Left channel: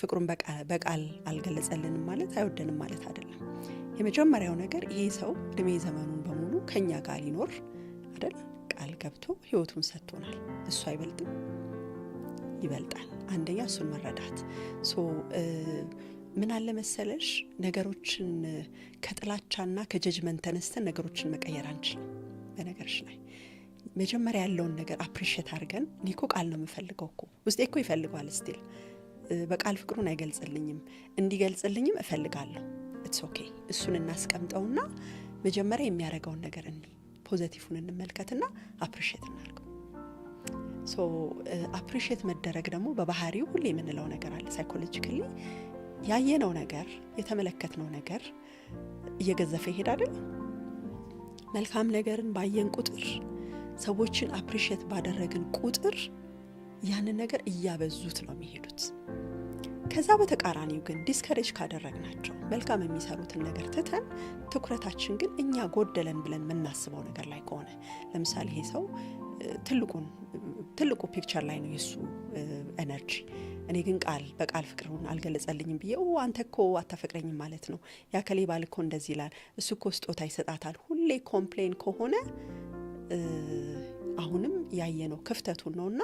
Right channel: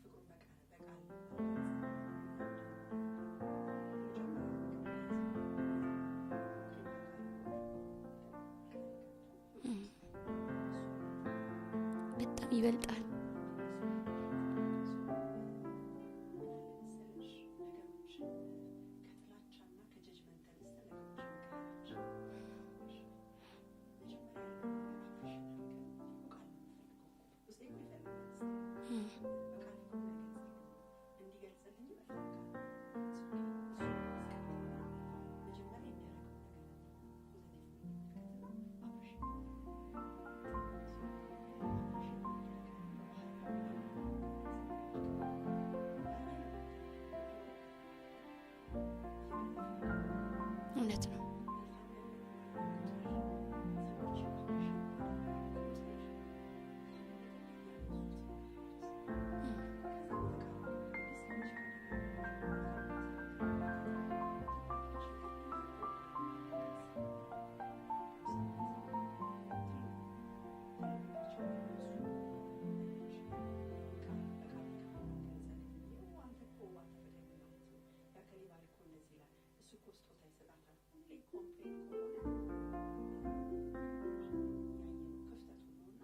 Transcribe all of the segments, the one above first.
ፍቅሩን በቃል አልገለጸልንም ማለት አይወደንም ማለት አይደለም። የመጀመሪያው ነገር ይሄ ሰው እድሜ ዘመኑን በሙሉ ከኛ ጋር ሊኖር አይደል ቃል ገብቶ ህይወቱን ሰጥቶናል። እሱ አይበልጥም? በጣም ይበልጣል። አንደኛ እሱን መረዳት። ምን አለ መሰለሽ ነገሮችን ከጥላቻና ከጀጅመንት ተነስተን ነገሮችን መቀየር አንችልም። በነገርሽ ላይ መጀመሪያ ያለውን ነገር አፕሪሺየት አድርገን እኔኮ ቃል ነው የምፈልገው እኮ ውስጤ እኮ ይፈልጋል ስቲል በቃል ፍቅሩን አይገልጽልኝም እንዲገልጽልኝም እፈልጋለሁ። ኢትስ ኦኬ እሱን እናስቀምጠውና መጀመሪያ የሚያደርገውን ነገር ፖዚቲቭን እንመልከትና አፕሪሺየት እናድርገው። አፕሪሺየት መደረግ ደግሞ በባህሪው ሁሌ የምንለው ነገር አለ። ሳይኮሎጂካሊ ያየነው ነገር የተመለከትነው ነገር እየገዘፈ ይሄዳል። እውነት ነው። መልካም ነገርን ባየን ቁጥር ሰዎችን አፕሪሺየት ባደረግን ቁጥር ያንን ነገር እያበዙት ነው የሚሄዱት። ከዛ በተቃራኒው ግን ዲስከሬጅ ካደረግናቸው መልካም የሚሰሩትን ነገር ትተን ትኩረታችን ግን እኛ ጎደለን ብለን የምናስበው ነገር ላይ ከሆነ ለምሳሌ ይሄ ሰው ትልቁ ፒክቸር ላይ ነው የሱ ኤነርጂ። እኔ ግን በቃል ፍቅሩን አልገለጸልኝም ብዬ አንተ እኮ አታፈቅረኝም ማለት ነው፣ ያከሌ ባል እኮ እንደዚህ ይላል፣ እሱ እኮ ስጦታ ይሰጣታል፣ ሁሌ ኮምፕሌን ከሆነ አሁንም ያየነው ክፍተቱን ነውና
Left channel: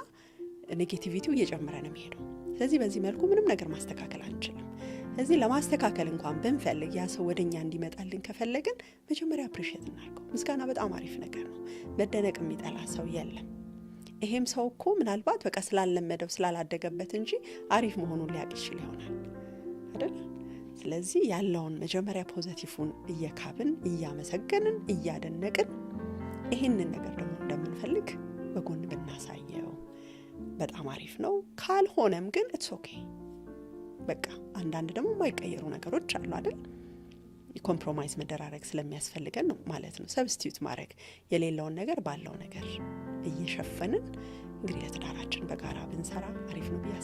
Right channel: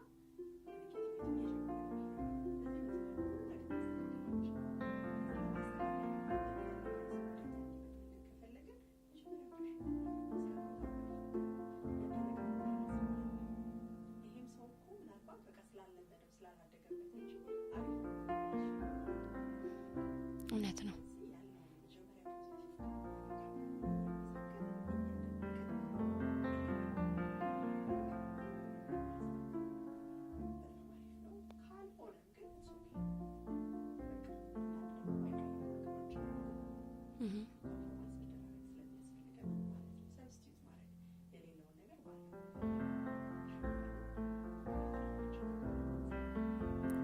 ኔጌቲቪቲው እየጨመረ ነው የሚሄደው። ስለዚህ በዚህ መልኩ ምንም ነገር ማስተካከል አንችልም። ስለዚህ ለማስተካከል እንኳን ብንፈልግ ያ ሰው ወደኛ እንዲመጣልን ከፈለግን መጀመሪያ አፕሪሺየት እናድርገው። ምስጋና በጣም አሪፍ ነገር ነው። መደነቅ የሚጠላ ሰው የለም። ይሄም ሰው እኮ ምናልባት በቃ ስላለመደው ስላላደገበት እንጂ አሪፍ መሆኑን ሊያውቅ ይችል ይሆናል አይደል? ስለዚህ ያለውን መጀመሪያ ፖዚቲቭን እየካብን እያመሰገንን እያደነቅን ይሄንን ነገር ደግሞ እንደምንፈልግ በጎን ብናሳየው በጣም አሪፍ ነው። ካልሆነም ግን ኢትስ ኦኬ በቃ አንዳንድ ደግሞ የማይቀየሩ ነገሮች አሉ አይደል? ኮምፕሮማይዝ መደራረግ ስለሚያስፈልገን ነው ማለት ነው። ሰብስቲዩት ማድረግ የሌለውን ነገር ባለው ነገር እየሸፈንን እንግዲህ ለትዳራችን በጋራ ብንሰራ አሪፍ ነው ብዬ